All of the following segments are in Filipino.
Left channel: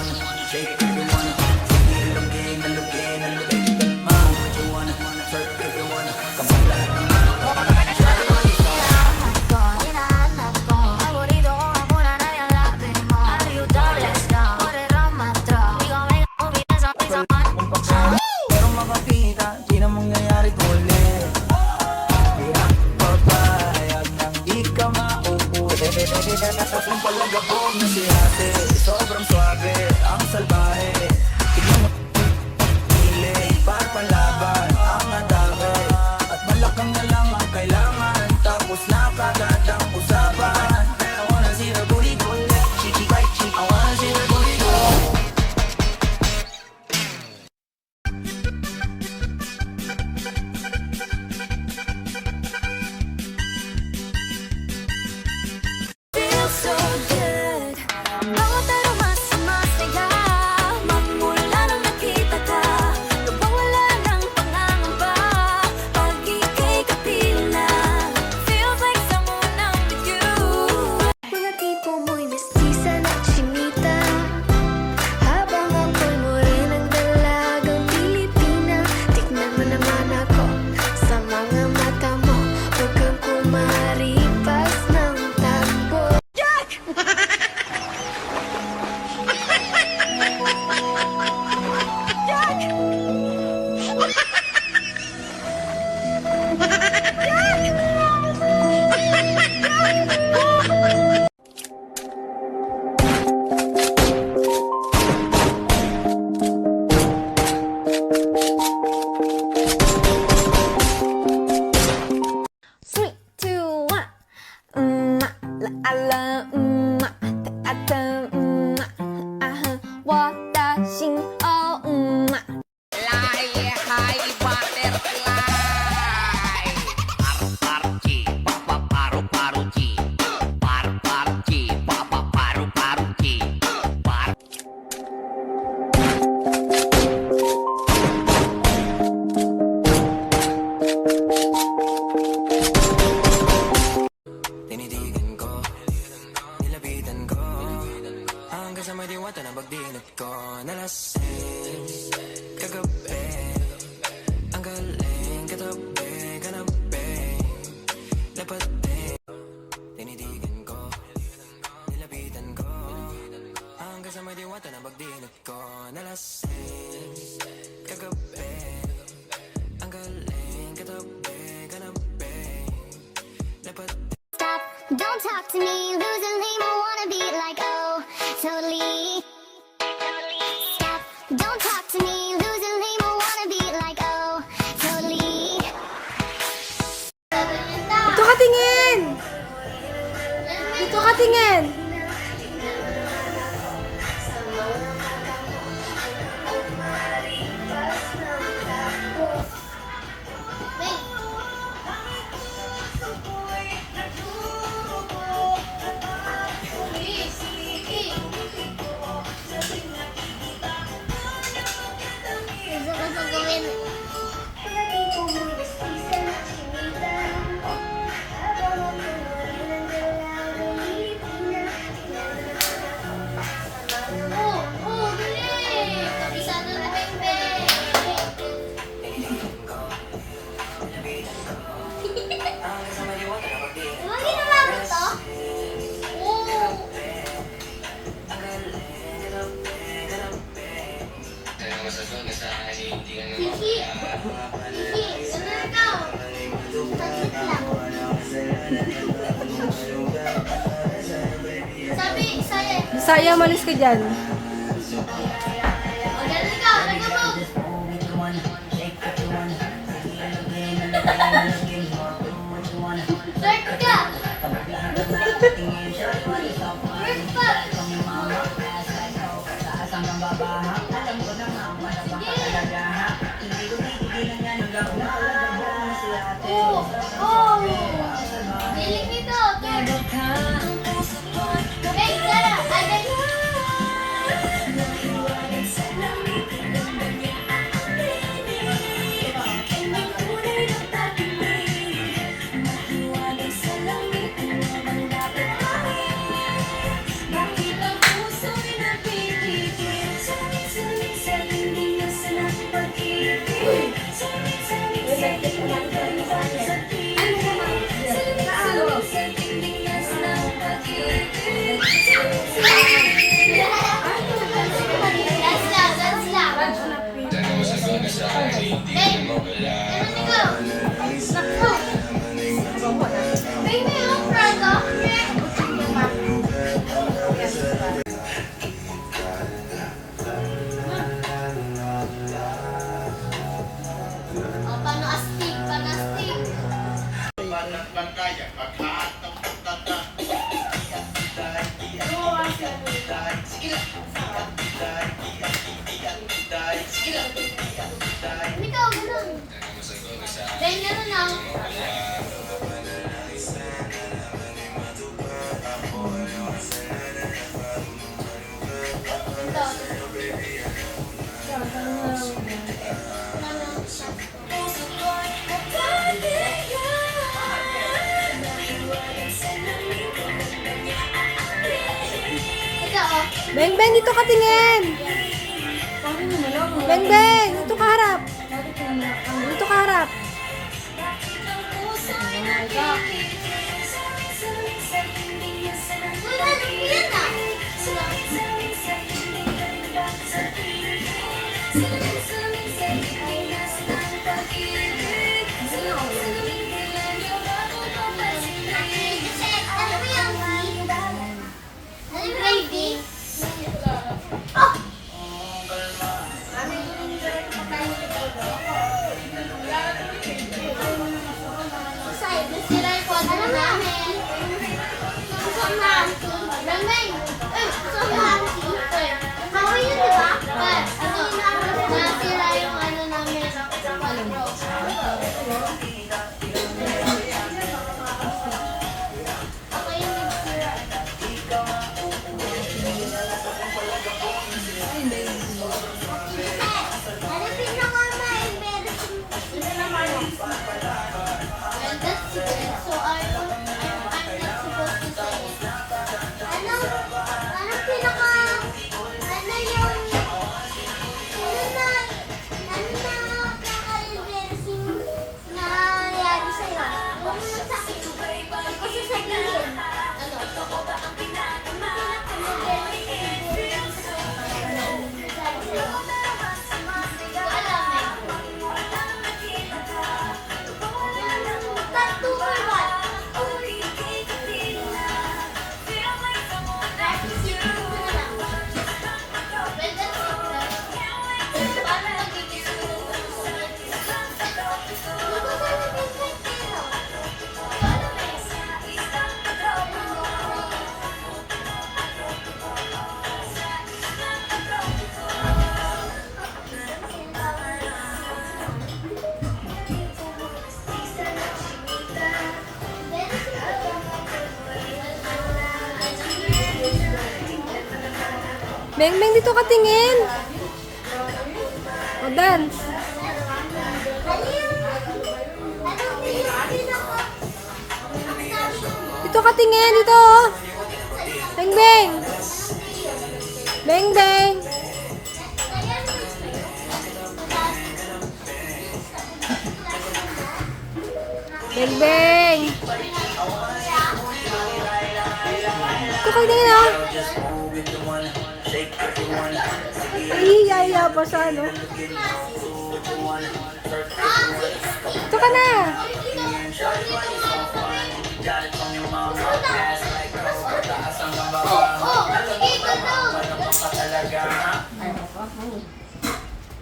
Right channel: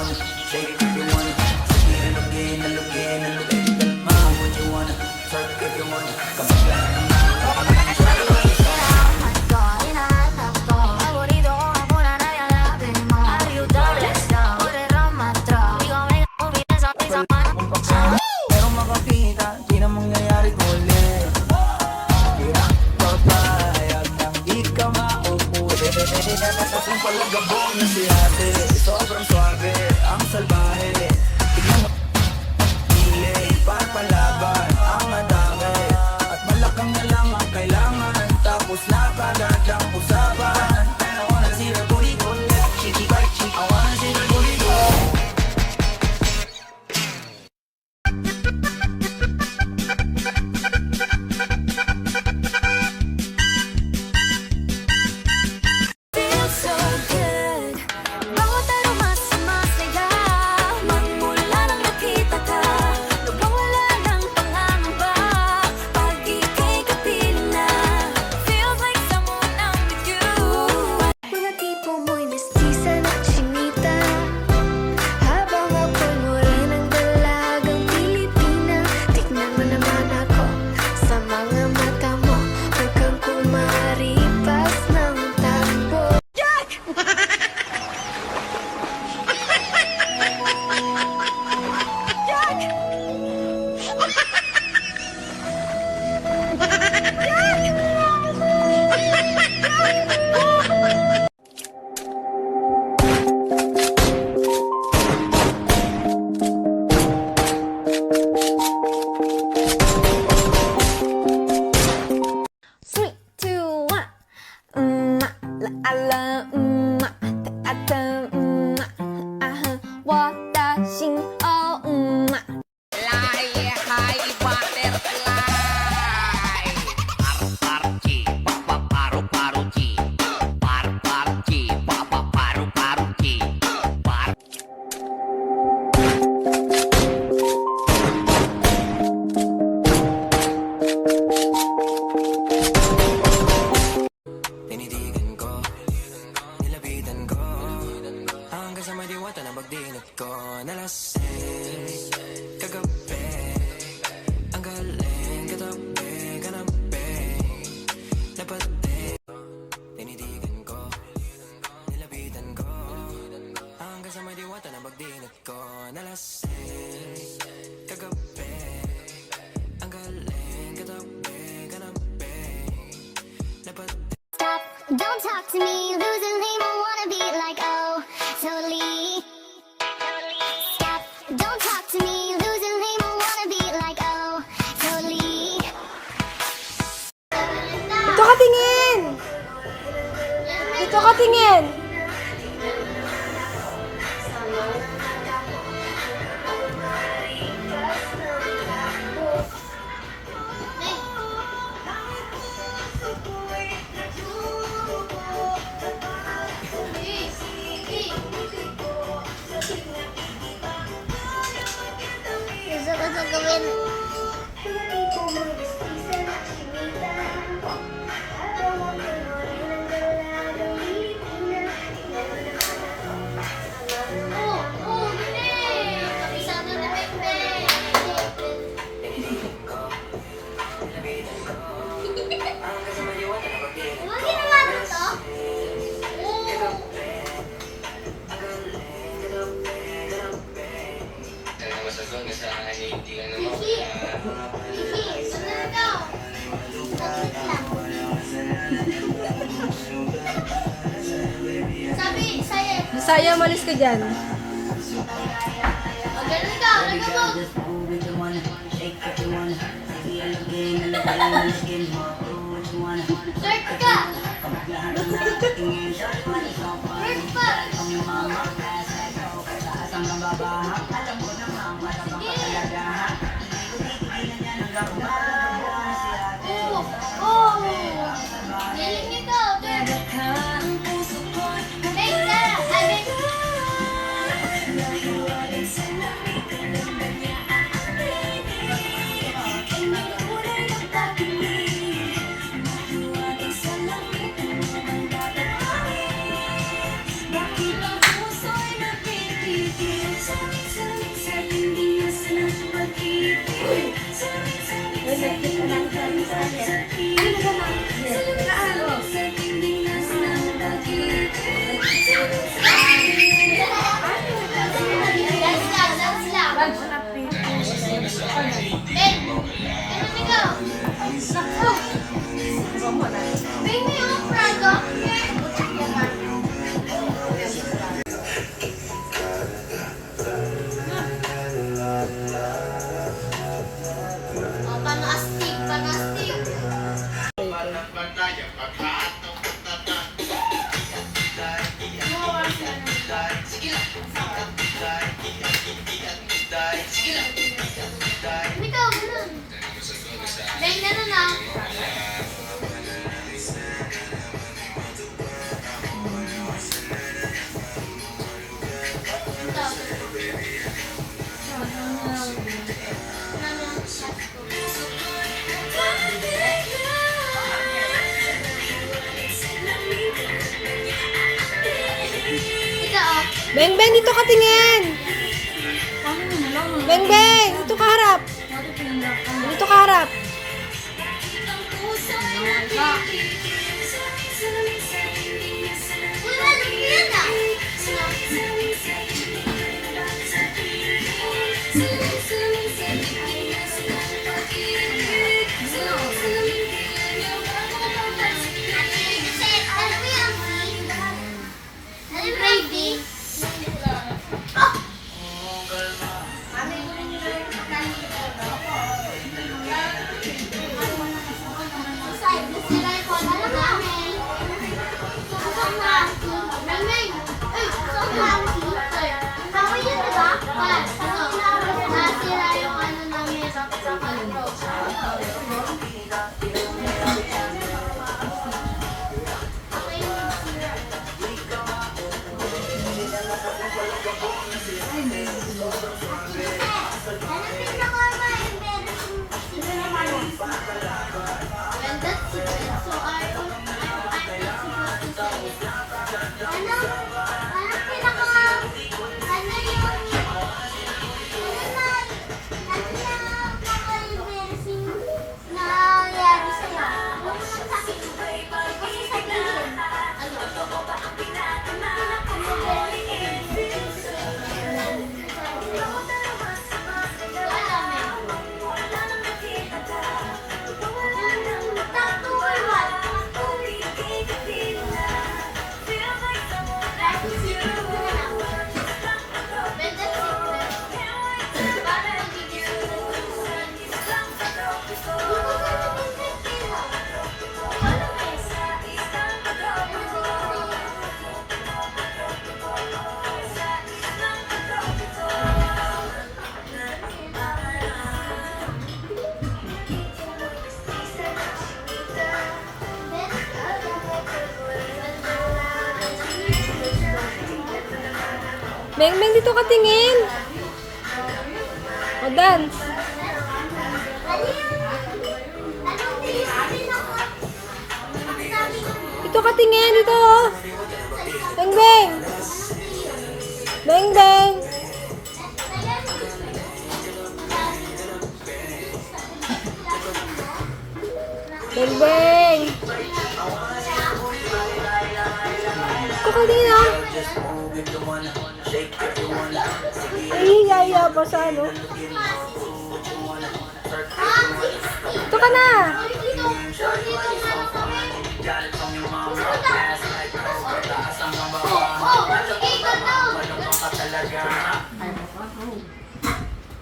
wanna, shake if you wanna. Sige, alugin, alugin, alugin. Kalma, what you wanna, twerk if you wanna. Kabagla naman, try to understand. Hinahanap ko, paborito ko nga muna na yung labi mo. Are you doubtless now? Put it on my throat. Ikaw ay nakubi na sa isang Merong makakita, di na mangyayari ulit. Kaya papayag nang di ka mauuli. Yung palagabog na si ate, sobrang swabe, ang salbahe. Tignan mo, hiling, para palaban, ang atake. At malakang na lang ang kailangan, tapos na kagad ang usapan. I wanna see the booty go left, cheeky right cheek. I wanna see the booty go. feels so good. Bawat aroma sumasaya. Magmula nang nakita ka, nawawala ng pangangamba. Pag ika'y kapiling na, feels like someone I'm with you. Mga tipo mo'y mestiza na chinita, habang ako'y morenang dalagang Pilipina. Tignan mo naman ako sa mga mata mo, huwag kang kumaripas ng takbo. Three, two, one. La la, ta ta, aha, 我的心哦，Fly high butterfly. Paru-paru-chi, paru-paru-chi. Paru-paru-chi, paru-paru-chi. Tinitigan ko, nilapitan ko, hanggang sa may diwata na pagdinat ko. Nalasing, kagabi, ang galing, katabi, kanabi, napati. Tinitigan ko, nilapitan ko, hanggang sa may diwata na pagdinat ko. Nalasing, kagabi, ang galing, katabi, kanabi, napati. Stop, don't talk to me, losing lame, I wanna be like, oh, totally. Stop, don't talk to me, losing lame, I wanna be like, oh, totally. Dito ka tingin! Dito ka tingin! Gusto ko sa gawin. Kabisado na bebe. Huwag ginawa mo to? Oo. Kiki, ano ikaw? Saglit lang. Sabi, saya. Bisaya, malis ka dyan. O, ganun ikaw, nag-move. Flirt ka. Flirt pa. Oh, oh. Galing nito, Tur. Hey, Sarah, agad. Ikaw, ganun. Dahil ganun na. Beng Beng, dito ka tingin. Beng Beng, dito ka harap. Dito ka harap. Beng Beng, dito ka tingin. O, dance. Dito ka tingin, dito. Oh. Beng Beng. Beng Beng. Beng Beng. Dito ka tingin, oh. Ay, yaya pa sa ano. Ito ka na.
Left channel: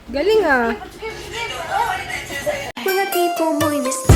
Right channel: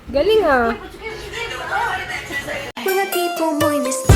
Galing ah. Mga tipo mo'y miss